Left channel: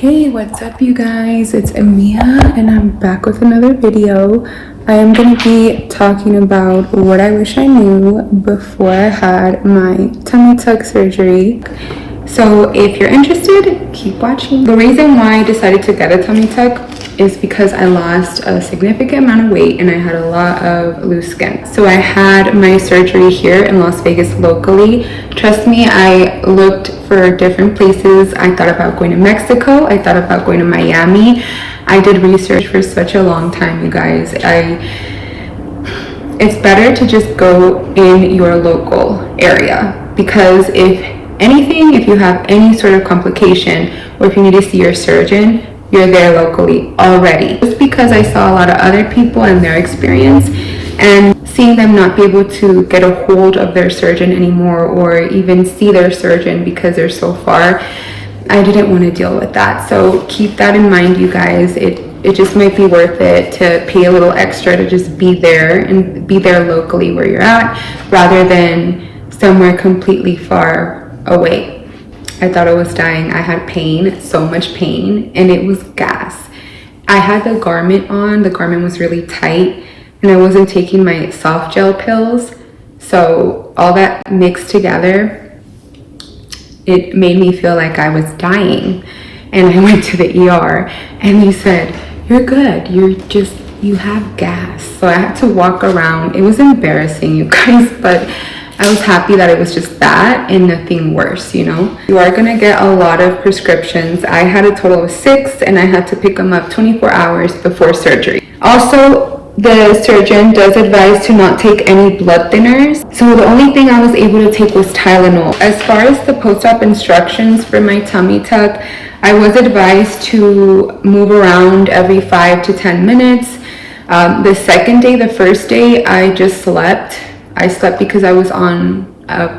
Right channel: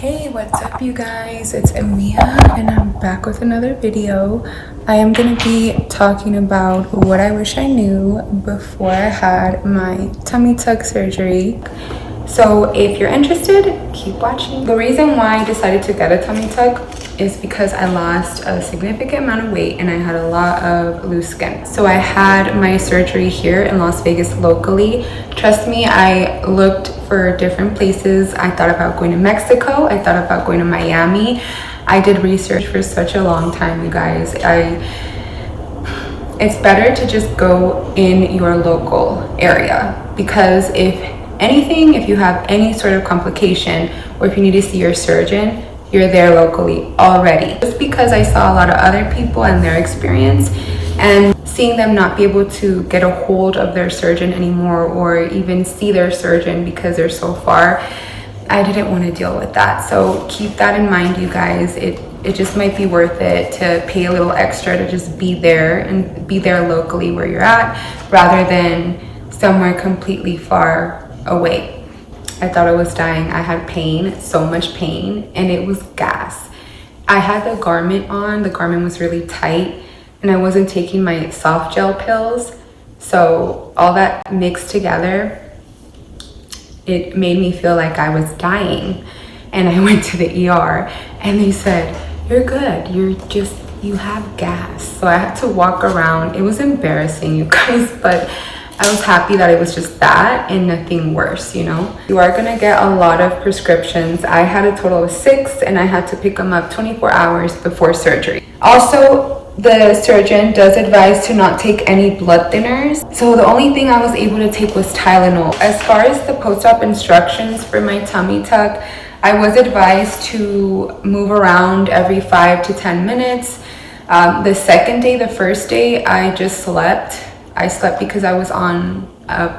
Hey, what's up you guys? It's Amia and I'm back with another video. I am going to be talking about what I wish I knew before I had my tummy tuck surgery. So if you're interested, keep watching. The reason why I decided to get a tummy tuck is because I lost a significant amount of weight and I had a lot of loose skin. So I had my surgery here in Las Vegas locally. Trust me, I looked for different places. I thought about going to Mexico. I thought about going to Miami. I did research for such a long time, you guys. It's better to just go in your local area, because if you have any sort of complication or if you need to see your surgeon, you're there locally already. Just because I saw a lot of other people and their experience and seeing them not be able to get a hold of their surgeon anymore or even see their surgeon because they're so far, I didn't want to deal with that. So keep that in mind, you guys. It just might be worth it to pay a little extra to just be there and be there locally where you're at rather than somewhere completely far away. I thought I was dying. I had pain, so much pain, and it was gas. I had the garment on. The garment was really tight, and I wasn't taking my soft gel pills. So all that mixed together, it made me feel like I was dying. And I went to the ER, and they said, "You're good. You have gas." So I had to walk around. It was embarrassing, you guys, but I was happy that it was just that and nothing worse, you know? You are gonna get a lot of prescriptions. I had a total of 6 and I had to pick them up 24 hours before surgery. Also, the surgeon does advise to not take any blood thinners. So the only thing I was able to take was Tylenol. As far as the post-op instructions for my tummy tuck, I was advised to move around every 5 to 10 minutes. The second day, the first day, I just slept. I slept because I was on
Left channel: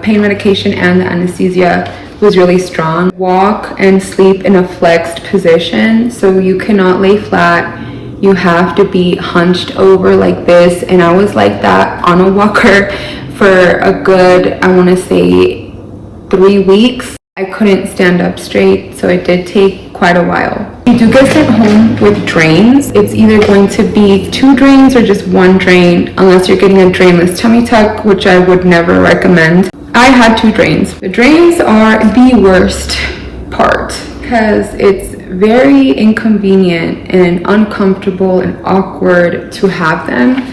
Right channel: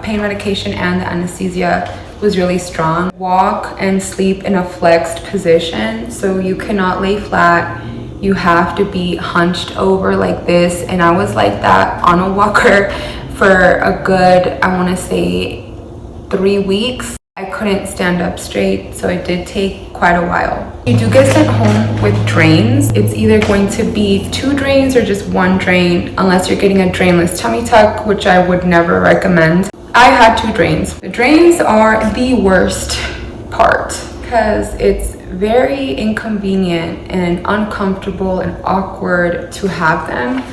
pain medication and the anesthesia was really strong. Walk and sleep in a flexed position, so you cannot lay flat. You have to be hunched over like this, and I was like that on a walker for a good, I want to say 3 weeks. I couldn't stand up straight, so it did take quite a while. You do get sent home with drains. It's either going to be 2 drains or just 1 drain, unless you're getting a drainless tummy tuck, which I would never recommend. I had 2 drains. The drains are the worst part because it's very inconvenient and uncomfortable and awkward to have them.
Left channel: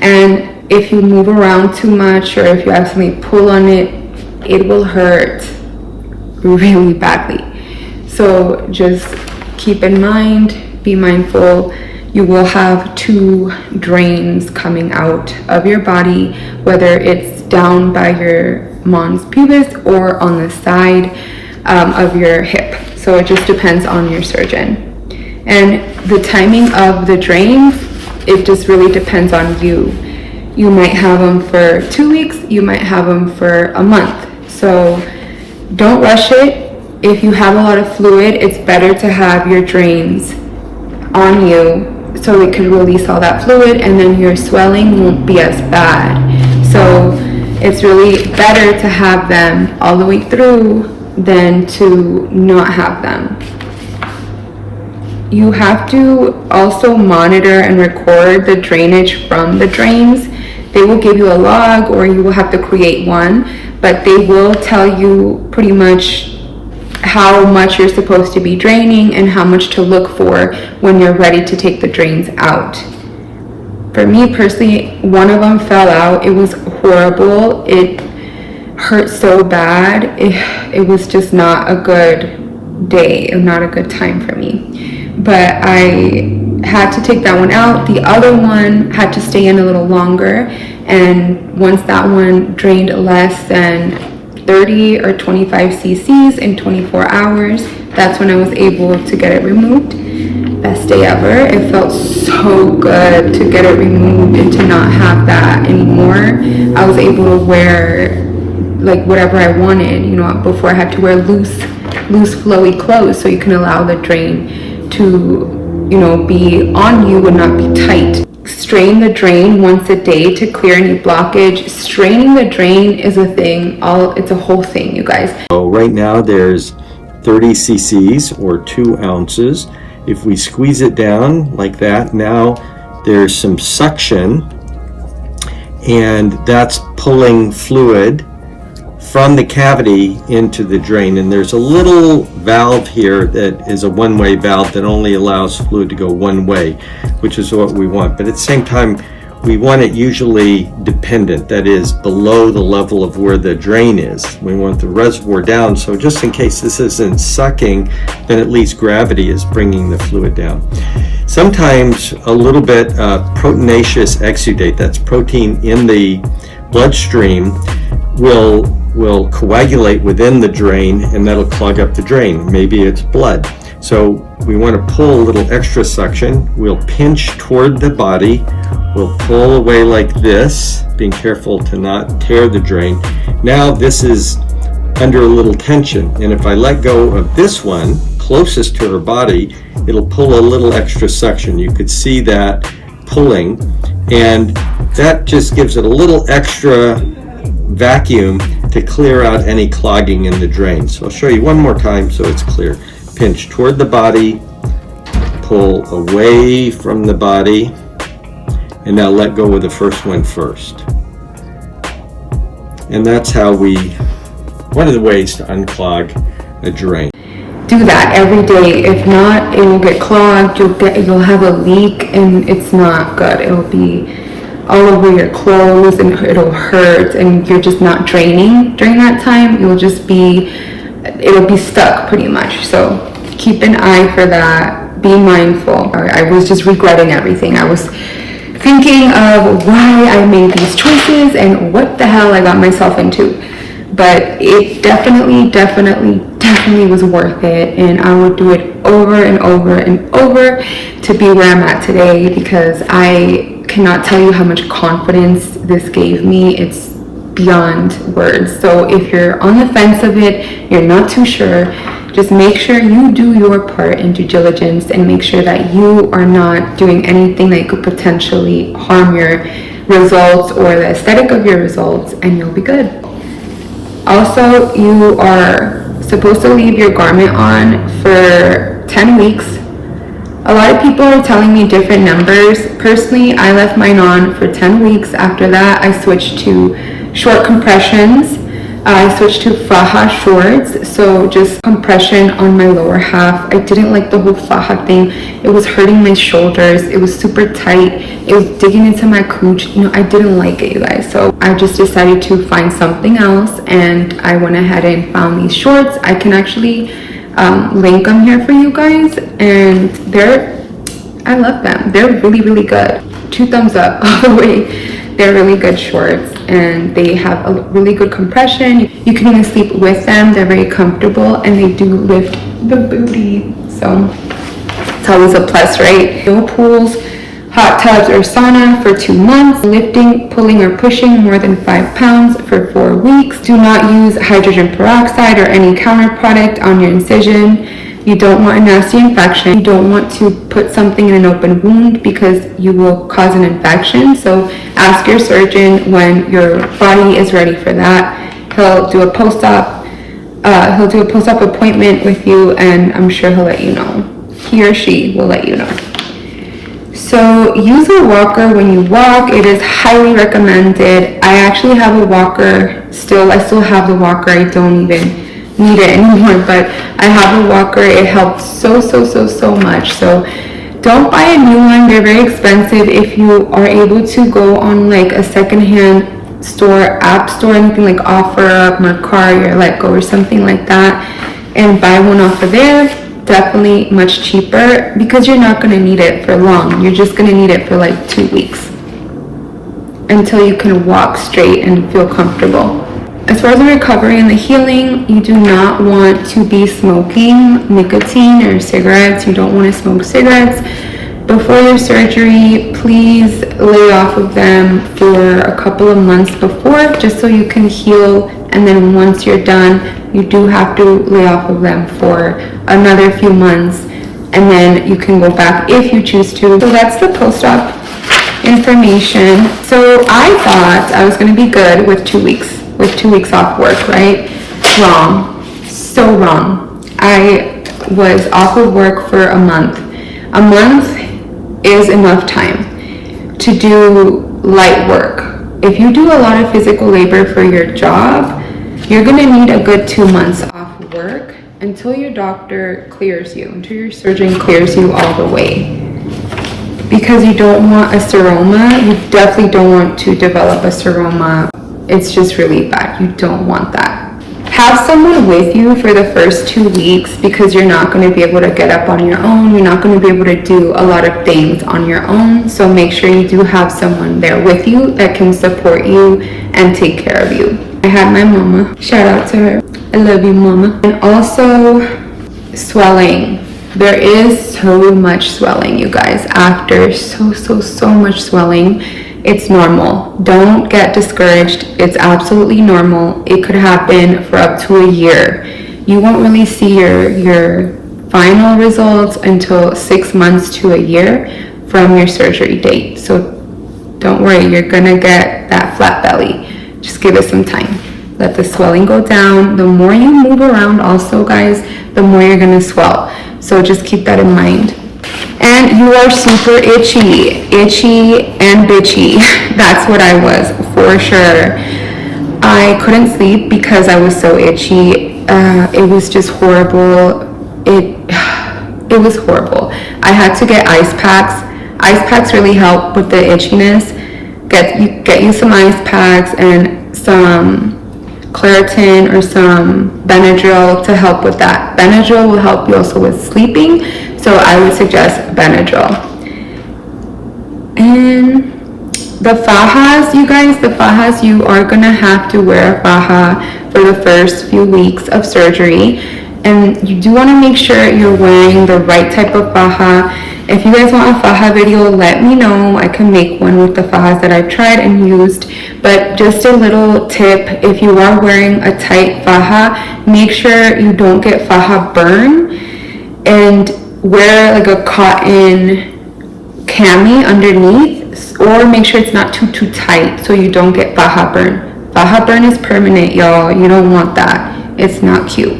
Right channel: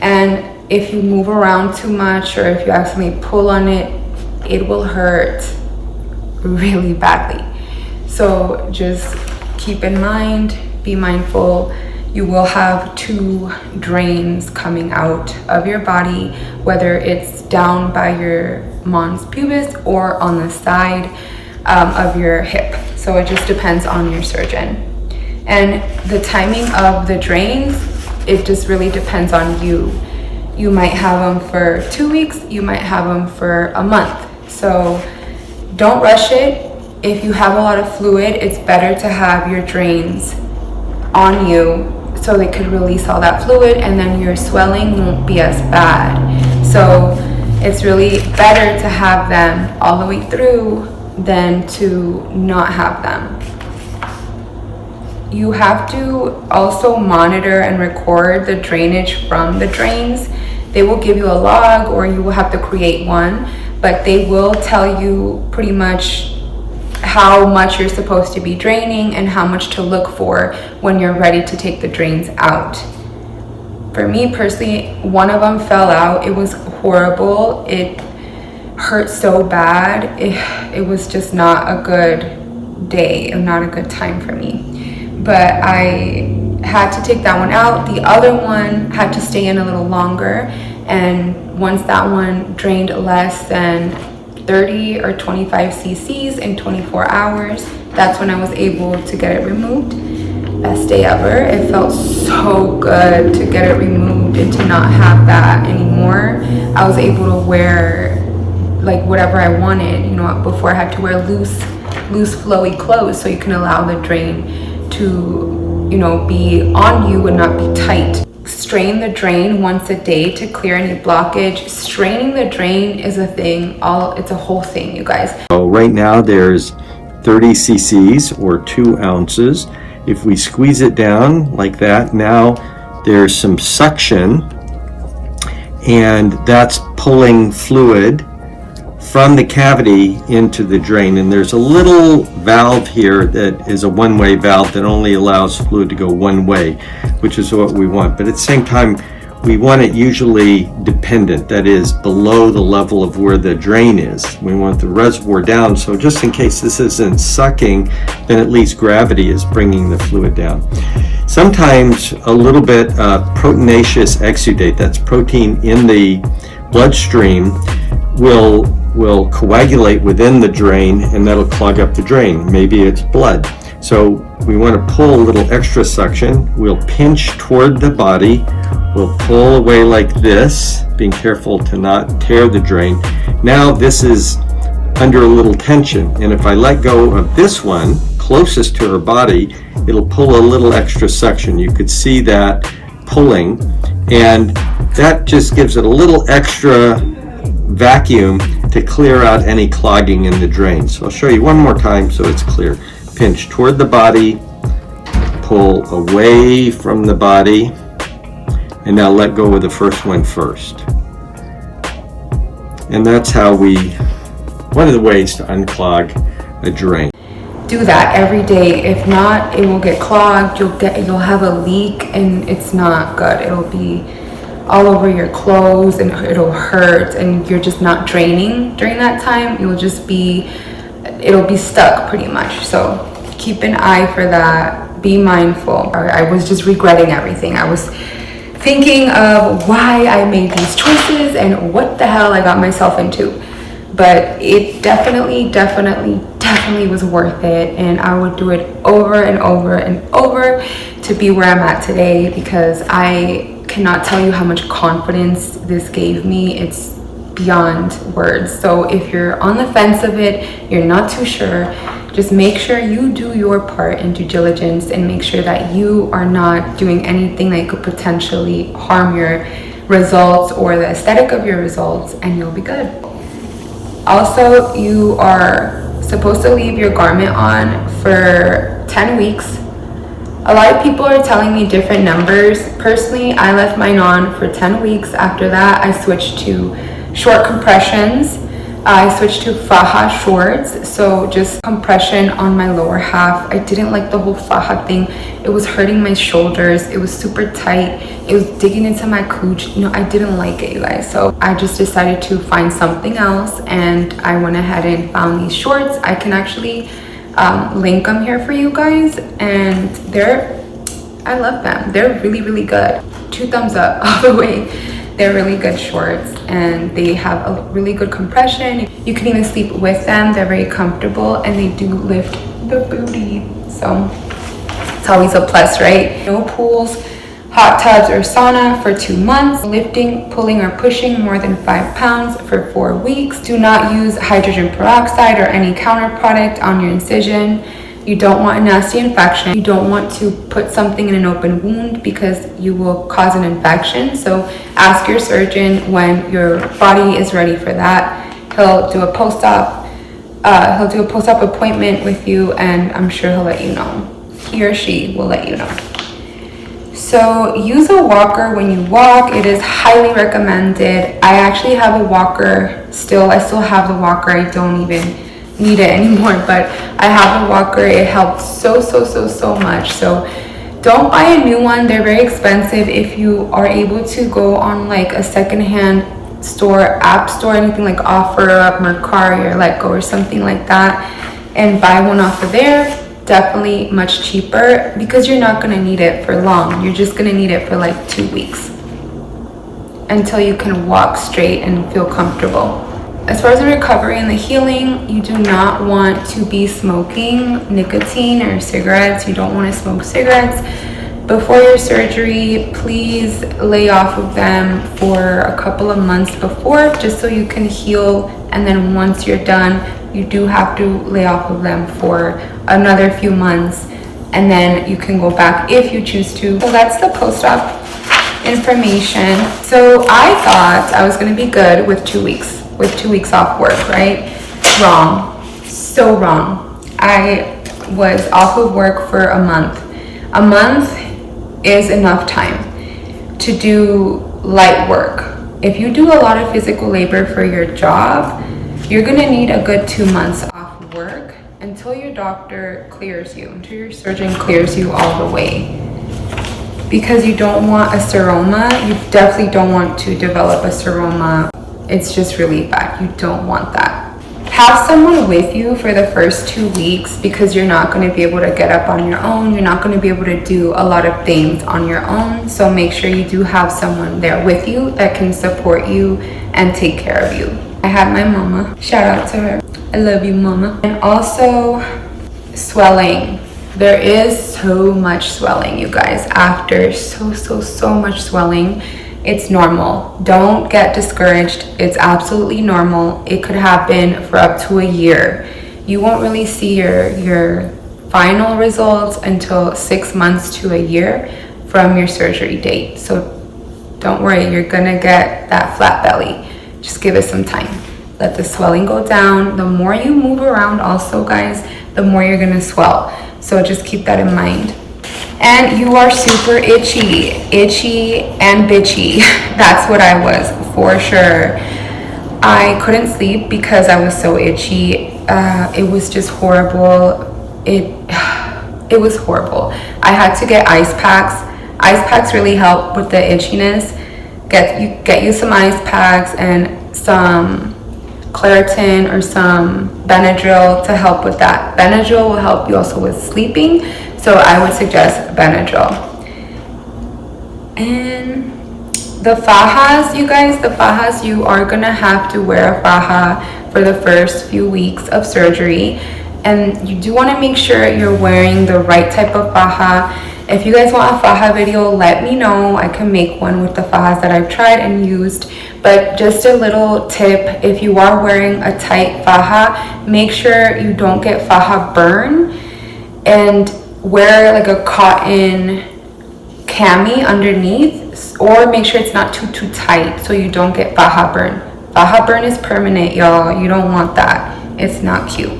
And if you move around too much or if you accidentally pull on it, it will hurt really badly. So just keep in mind, be mindful, you will have 2 drains coming out of your body, whether it's down by your mons pubis or on the side of your hip. So it just depends on your surgeon. And the timing of the drains, it just really depends on you. You might have them for 2 weeks, you might have them for a month. So don't rush it. If you have a lot of fluid, it's better to have your drains on you so it could release all that fluid and then your swelling won't be as bad. So it's really better to have them all the way through than to not have them. You have to also monitor and record the drainage from the drains. They will give you a log or you will have to create one, but they will tell you pretty much how much you're supposed to be draining and how much to look for when you're ready to take the drains out. For me personally, one of them fell out. It was horrible. It hurt so bad. It was just not a good day, not a good time for me. But I had to take that one out. The other one had to stay in a little longer, and once that one drained less than 30 or 25 cc's in 24 hours, that's when I was able to get it removed. Best day ever. It felt so good to get it removed and to not have that anymore. I was able to wear like whatever I wanted, you know. Before I had to wear loose flowy clothes, so you can allow the drain to, you know, be on you and not be tight. Strain the drain once a day to clear any blockage. Straining the drain is a thing. It's a whole thing, you guys. So right now there's 30 cc's or 2 ounces. If we squeeze it down like that, now there's some suction, and that's pulling fluid from the cavity into the drain. And there's a little valve here that is a one-way valve that only allows fluid to go one way, which is what we want. But at the same time, we want it usually dependent, that is below the level of where the drain is. We want the reservoir down, so just in case this isn't sucking, then at least gravity is bringing the fluid down. Sometimes a little bit proteinaceous exudate, that's protein in the bloodstream, will coagulate within the drain, and that'll clog up the drain. Maybe it's blood. So we want to pull a little extra suction. We'll pinch toward the body. We'll pull away like this, being careful to not tear the drain. Now this is under a little tension, and if I let go of this one closest to her body, it'll pull a little extra suction. You could see that pulling, and that just gives it a little extra vacuum to clear out any clogging in the drain. So I'll show you one more time so it's clear. Pinch toward the body, pull away from the body, and now let go of the first one first. And that's how one of the ways to unclog a drain. Do that every day. If not, it will get clogged. You'll have a leak, and it's not good. It'll be all over your clothes, and it'll hurt, and you're just not draining during that time. It'll be stuck pretty much. So keep an eye for that. Be mindful. I was just regretting everything. I was thinking of why I made these choices and what the hell I got myself into. But it definitely was worth it, and I would do it over and over and over to be where I'm at today, because I cannot tell you how much confidence this gave me. It's beyond words. So if you're on the fence of it, you're not too sure, just make sure you do your part in due diligence, and make sure that you are not doing anything that could potentially harm your results or the aesthetic of your results, and you'll be good. Also, you are supposed to leave your garment on for 10 weeks. A lot of people are telling me different numbers. Personally, I left mine on for 10 weeks. After that, I switched to short compressions. I switched to faja shorts, so just compression on my lower half. I didn't like the whole faja thing. It was hurting my shoulders. It was super tight. It was digging into my cooch. I didn't like it, you guys. So I just decided to find something else, and I went ahead and found these shorts. I can actually link them here for you guys, and I love them. They're really good. 2 thumbs up all the way. They're really good shorts, and they have a really good compression. You can even sleep with them. They're very comfortable, and they do lift the booty, so it's always a plus, right? No pools, hot tubs, or sauna for 2 months. Lifting, pulling, or pushing more than 5 pounds for 4 weeks. Do not use hydrogen peroxide or any counter product on your incision. You don't want a nasty infection. You don't want to put something in an open wound, because you will cause an infection. So ask your surgeon when your body is ready for that. He'll do a post-op appointment with you, and I'm sure he'll let you know. He or she will let you know. So use a walker when you walk. It is highly recommended. I actually have a walker still. I still have the walker. I don't even need it anymore, but I have a walker. It helps so much. So don't buy a new one. They're very expensive. If you are able to go on like a secondhand store, app store, anything like OfferUp, Mercari, or Letgo, or something like that, and buy one off of there, definitely much cheaper, because you're not going to need it for long. You're just going to need it for like 2 weeks until you can walk straight and feel comfortable. As far as the recovery and the healing, you do not want to be smoking nicotine or cigarettes. You don't want to smoke cigarettes before your surgery. Please lay off of them for a couple of months before, just so you can heal. And then once you're done, you do have to lay off of them for another few months, and then you can go back if you choose to. So that's the post-op information. So I thought I was going to be good with 2 weeks. With 2 weeks off work, right? Wrong. So wrong. I was off of work for a month. A month is enough time to do light work. If you do a lot of physical labor for your job, you're gonna need a good 2 months off work until your doctor clears you, until your surgeon clears you all the way. Because you don't want a seroma, you definitely don't want to develop a seroma. It's just really bad, you don't want that. Have someone with you for the first 2 weeks because you're not going to be able to get up on your own. You're not going to be able to do a lot of things on your own. So make sure you do have someone there with you that can support you and take care of you. I had my mama. Shout out to her. I love you, mama. And also swelling. There is so much swelling, you guys. After so much swelling. It's normal. Don't get discouraged. It's absolutely normal. It could happen for up to a year. You won't really see your final results until 6 months to a year from your surgery date. So don't worry, you're gonna get that flat belly. Just give it some time. Let the swelling go down. The more you move around also, guys, the more you're gonna swell. So just keep that in mind. And you are super itchy and bitchy. That's what I was, for sure. I couldn't sleep because I was so itchy. It was just horrible. It was horrible. I had to get ice packs. Ice packs really help with the itchiness. Get you some ice packs and some Claritin or some Benadryl to help with that. Benadryl will help you also with sleeping, so I would suggest Benadryl. And the fajas, you guys, the fajas, you are gonna have to wear a faja for the first few weeks of surgery, and you do want to make sure you're wearing the right type of faja. If you guys want a faja video, let me know. I can make one with the fajas that I've tried and used. But just a little tip, if you are wearing a tight faja, make sure you don't get faja burn, and wear like a cotton cami underneath, or make sure it's not too tight so you don't get faja burn. Faja burn is permanent, y'all. You don't want that. It's not cute.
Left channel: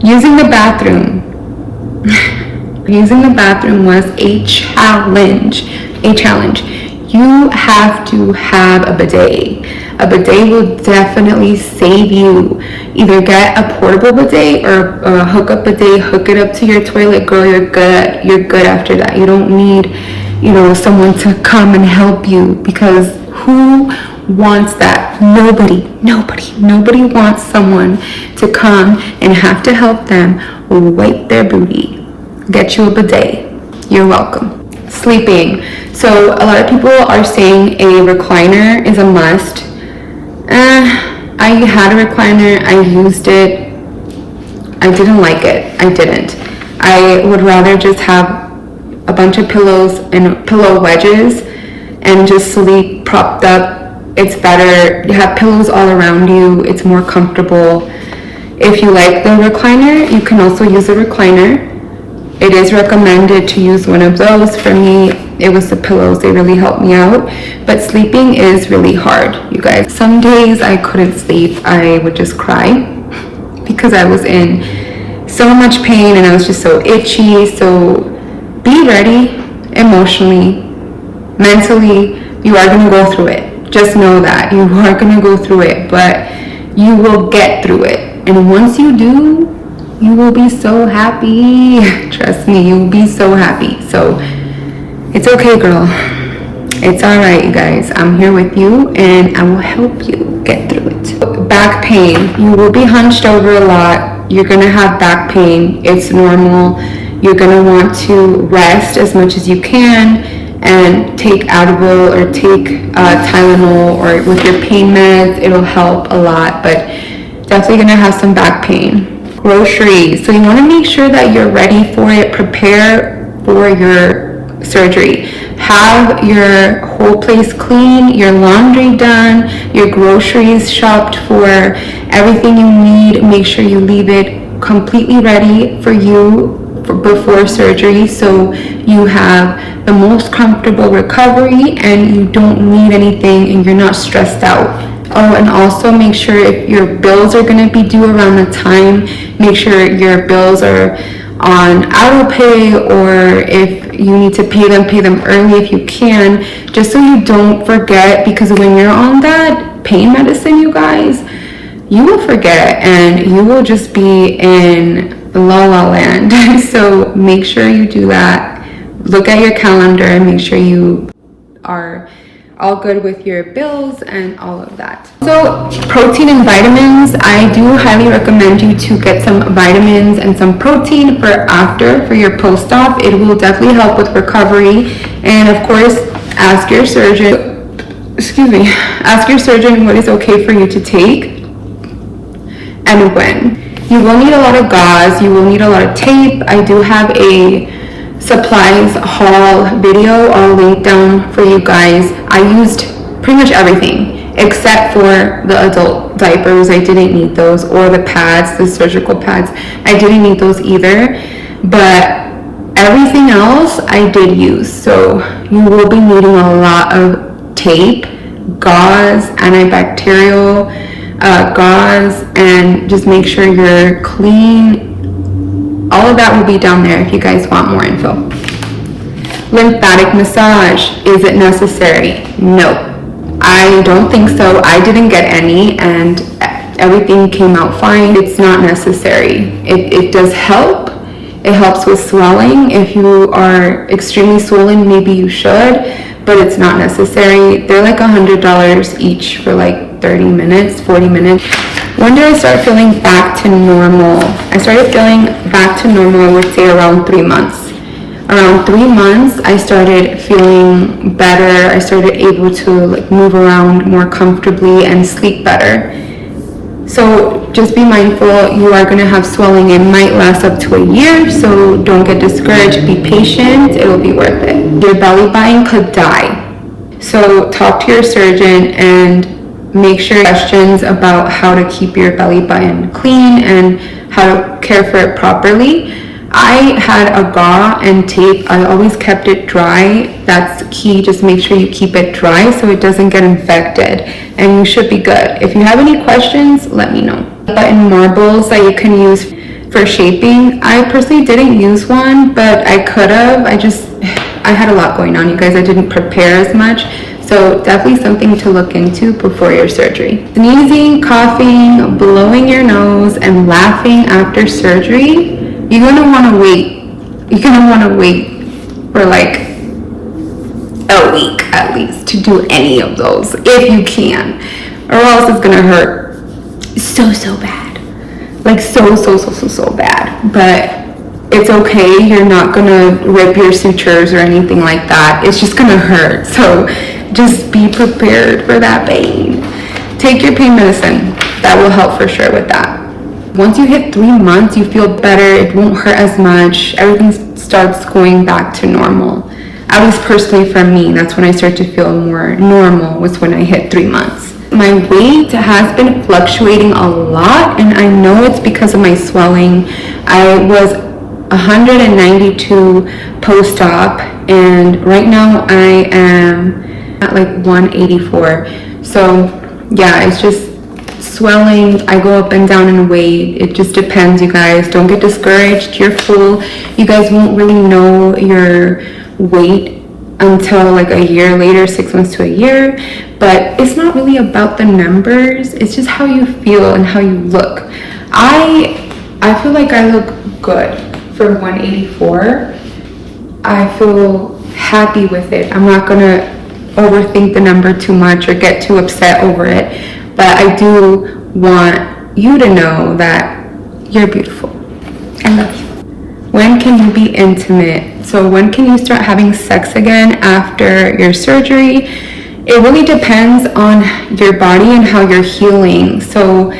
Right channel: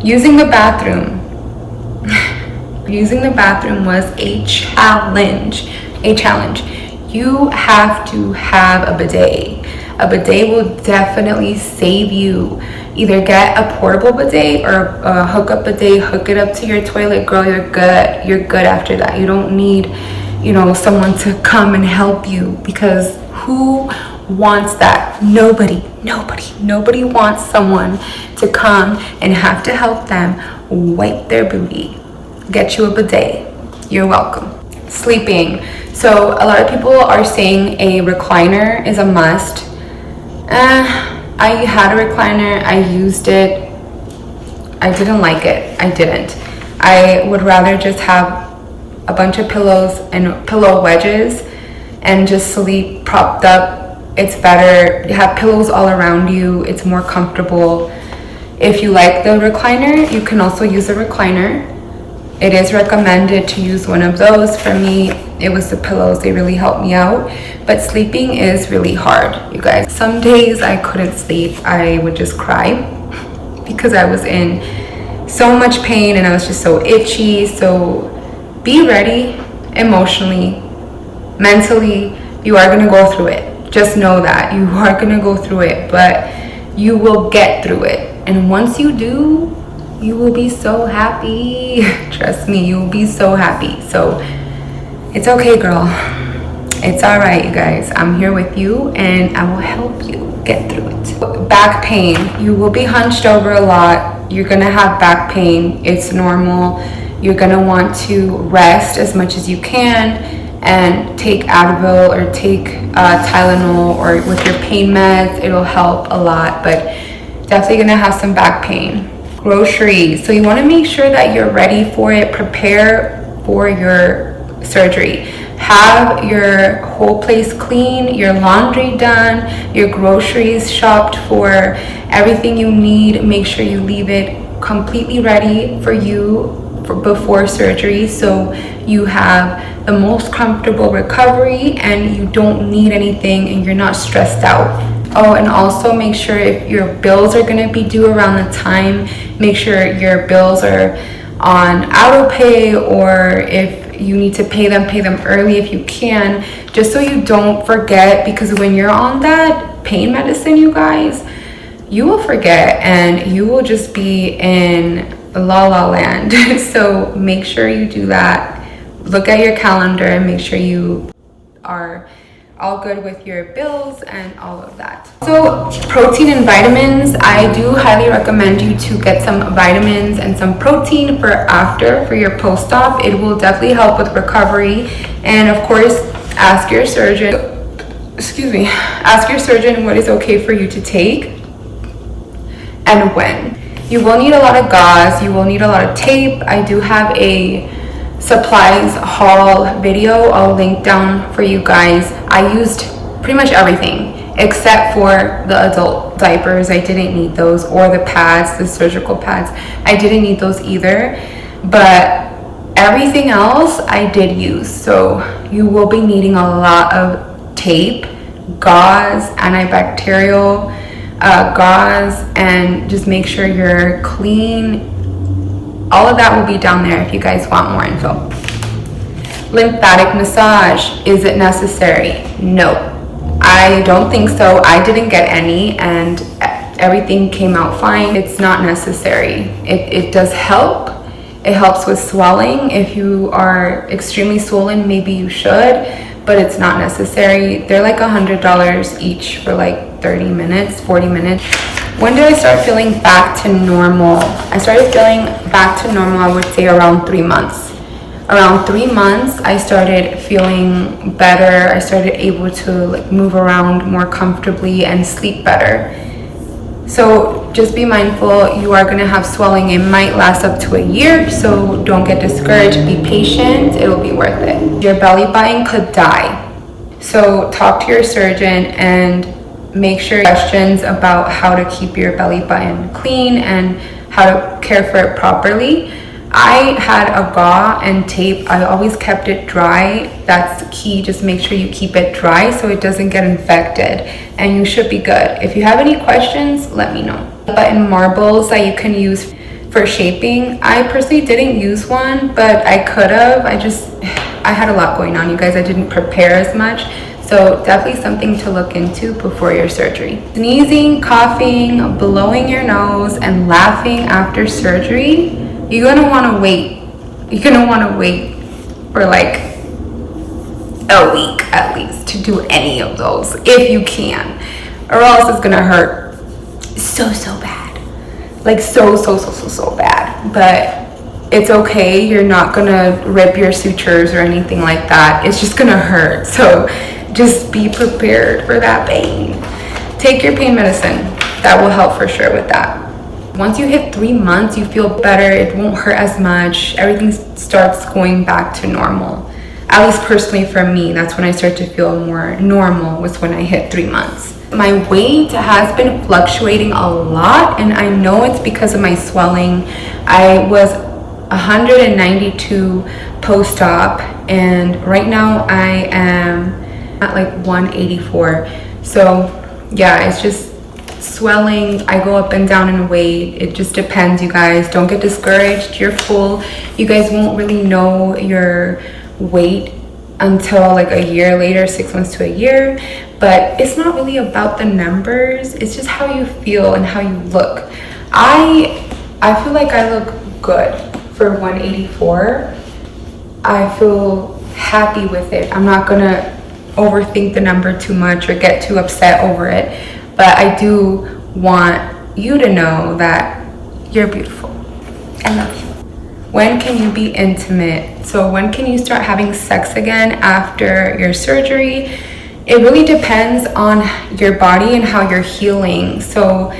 Using the bathroom. Using the bathroom was a challenge. You have to have a bidet. A bidet will definitely save you. Either get a portable bidet or a hookup bidet, hook it up to your toilet, girl, you're good. You're good after that. You don't need, someone to come and help you, because who wants that? Nobody wants someone to come and have to help them wipe their booty. Get you a bidet. You're welcome. Sleeping. So a lot of people are saying a recliner is a must. I had a recliner. I used it. I didn't like it. I didn't. I would rather just have a bunch of pillows and pillow wedges and just sleep propped up. It's better. You have pillows all around you. It's more comfortable. If you like the recliner, you can also use a recliner. It is recommended to use one of those. For me, it was the pillows. They really helped me out. But sleeping is really hard, you guys. Some days I couldn't sleep. I would just cry because I was in so much pain and I was just so itchy. So be ready emotionally, mentally. You are going to go through it. Just know that you are going to go through it, but you will get through it. And once you do, you will be so happy. Trust me, you will be so happy. So it's okay, girl. It's all right, you guys. I'm here with you and I will help you get through it. Back pain. You will be hunched over a lot. You're gonna have back pain. It's normal. You're gonna want to rest as much as you can and take Advil or take Tylenol, or with your pain meds. It'll help a lot, but definitely gonna have some back pain. Groceries. So you want to make sure that you're ready for it. Prepare for your surgery. Have your whole place clean, your laundry done, your groceries shopped for everything you need. Make sure you leave it completely ready for you before surgery, so you have the most comfortable recovery and you don't need anything and you're not stressed out. Oh, and also make sure if your bills are going to be due around the time, make sure your bills are on auto pay, or if you need to pay them early if you can, just so you don't forget, because when you're on that pain medicine, you guys, you will forget and you will just be in la la land. So make sure you do that. Look at your calendar and make sure you are all good with your bills and all of that. So protein and vitamins, I do highly recommend you to get some vitamins and some protein for your post-op. It will definitely help with recovery. And of course, ask your surgeon what is okay for you to take and when. You will need a lot of gauze, you will need a lot of tape. I do have a supplies haul video, I'll link down for you guys. I used pretty much everything except for the adult diapers. I didn't need those, or the pads, the surgical pads. I didn't need those either, but everything else I did use. So you will be needing a lot of tape, gauze, antibacterial gauze, and just make sure you're clean. All of that will be down there if you guys want more info. Lymphatic massage, is it necessary? No, I don't think so. I didn't get any and everything came out fine. It's not necessary. It does help. It helps with swelling. If you are extremely swollen, maybe you should, but it's not necessary. They're like $100 each for like 30 minutes, 40 minutes. When did I start feeling back to normal? I started feeling back to normal, I would say around 3 months. Around 3 months, I started feeling better. I started able to like move around more comfortably and sleep better. So just be mindful, you are gonna have swelling. It might last up to a year, so don't get discouraged. Be patient, it'll be worth it. Your belly button could die. So talk to your surgeon and make sure questions about how to keep your belly button clean and how to care for it properly. I had a gauze and tape. I always kept it dry. That's key. Just make sure you keep it dry so it doesn't get infected, and you should be good. If you have any questions, let me know. Button marbles that you can use for shaping. I personally didn't use one, but I could have. I had a lot going on, you guys. I didn't prepare as much. So definitely something to look into before your surgery. Sneezing, coughing, blowing your nose, and laughing after surgery, you're gonna wanna wait. You're gonna wanna wait for like a week at least to do any of those, if you can, or else it's gonna hurt so bad. Like so bad. But it's okay, you're not gonna rip your sutures or anything like that. It's just gonna hurt. So just be prepared for that pain. Take your pain medicine. That will help for sure with that. Once you hit 3 months, you feel better. It won't hurt as much. Everything starts going back to normal. At least personally for me, that's when I start to feel more normal, was when I hit 3 months. My weight has been fluctuating a lot, and I know it's because of my swelling. I was 192 post-op, and right now I am at like 184. So yeah, it's just swelling. I go up and down in weight. It just depends, you guys. Don't get discouraged. You're full. You guys won't really know your weight until like a year later, 6 months to a year. But it's not really about the numbers. It's just how you feel and how you look. I feel like I look good for 184. I feel happy with it. I'm not gonna overthink the number too much or get too upset over it, but I do want you to know that you're beautiful. I love you. When can you be intimate? So when can you start having sex again after your surgery? It really depends on your body and how you're healing. So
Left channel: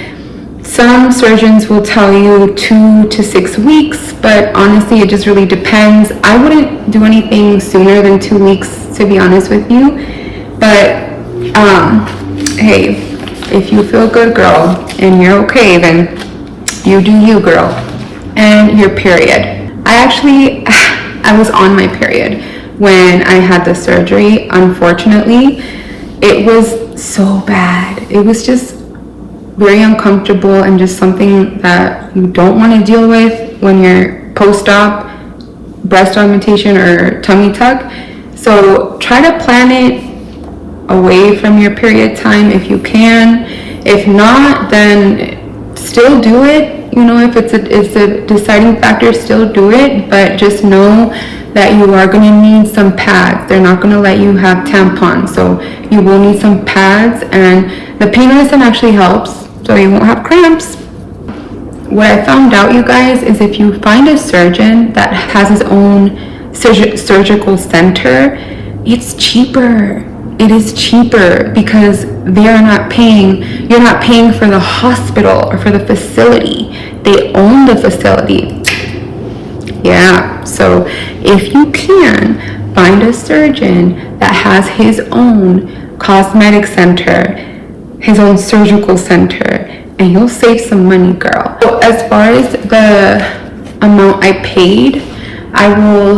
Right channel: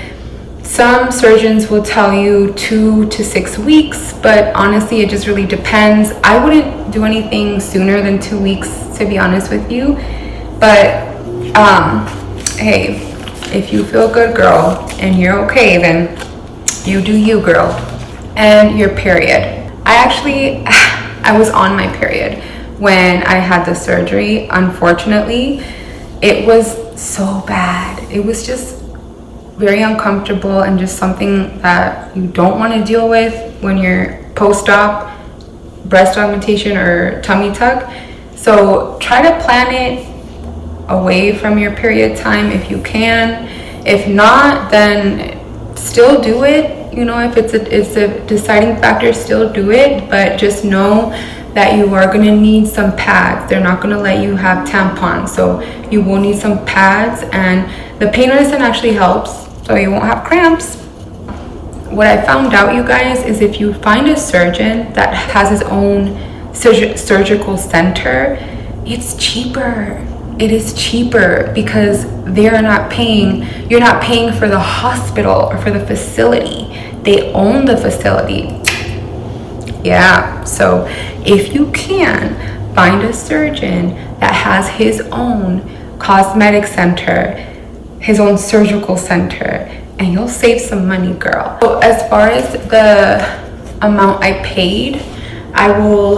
some surgeons will tell you 2 to 6 weeks, but honestly, it just really depends. I wouldn't do anything sooner than 2 weeks, to be honest with you. But hey, if you feel good, girl, and you're okay, then you do you, girl. And your period. I was on my period when I had the surgery. Unfortunately, it was so bad. It was just very uncomfortable and just something that you don't want to deal with when you're post-op breast augmentation or tummy tuck. So try to plan it away from your period time if you can. If not, then still do it. You know, if it's a deciding factor, still do it, but just know that you are going to need some pads. They're not going to let you have tampons, so you will need some pads, and the pain medicine actually helps, so you won't have cramps. What I found out, you guys, is if you find a surgeon that has his own surgical center, it's cheaper. It is cheaper because they are not paying, you're not paying for the hospital or for the facility. They own the facility. Yeah, so if you can, find a surgeon that has his own cosmetic center, his own surgical center, and you'll save some money, girl. So as far as the amount I paid, I will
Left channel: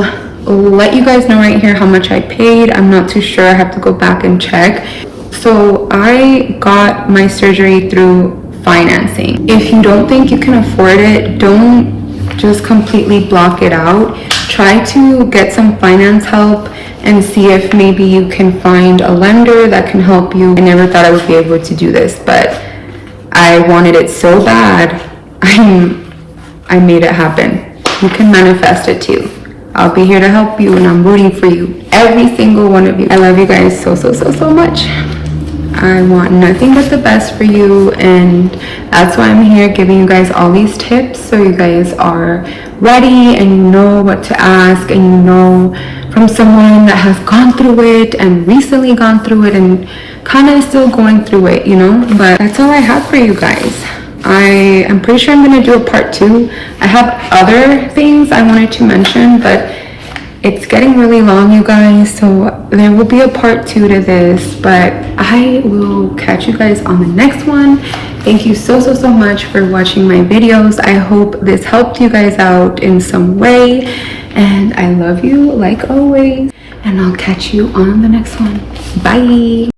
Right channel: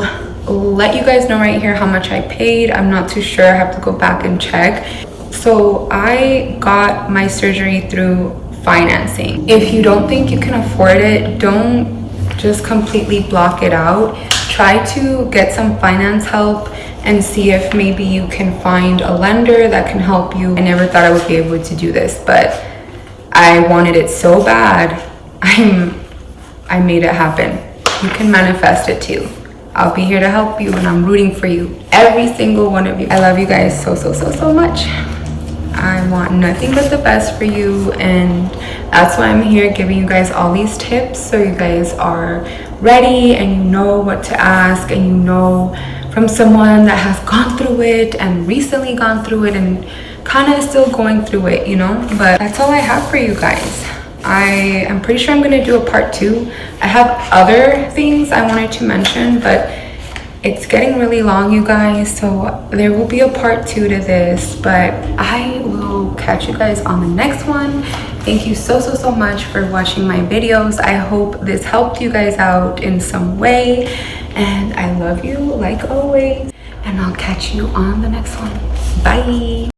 let you guys know right here how much I paid. I'm not too sure. I have to go back and check. So I got my surgery through financing. If you don't think you can afford it, don't just completely block it out. Try to get some finance help and see if maybe you can find a lender that can help you. I never thought I would be able to do this, but I wanted it so bad. I made it happen. You can manifest it too. I'll be here to help you, and I'm rooting for you, every single one of you. I love you guys so much. I want nothing but the best for you, and that's why I'm here giving you guys all these tips, so you guys are ready and you know what to ask, and you know from someone that has gone through it and recently gone through it and kind of still going through it, you know. But that's all I have for you guys. I am pretty sure I'm going to do a part 2. I have other things I wanted to mention, but it's getting really long, you guys, so there will be a part 2 to this, but I will catch you guys on the next one. Thank you so much for watching my videos. I hope this helped you guys out in some way, and I love you like always, and I'll catch you on the next one. Bye.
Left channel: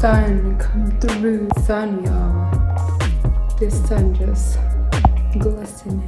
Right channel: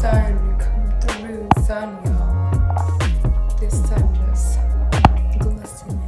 Sun come through, sun, y'all. This sun just glistening.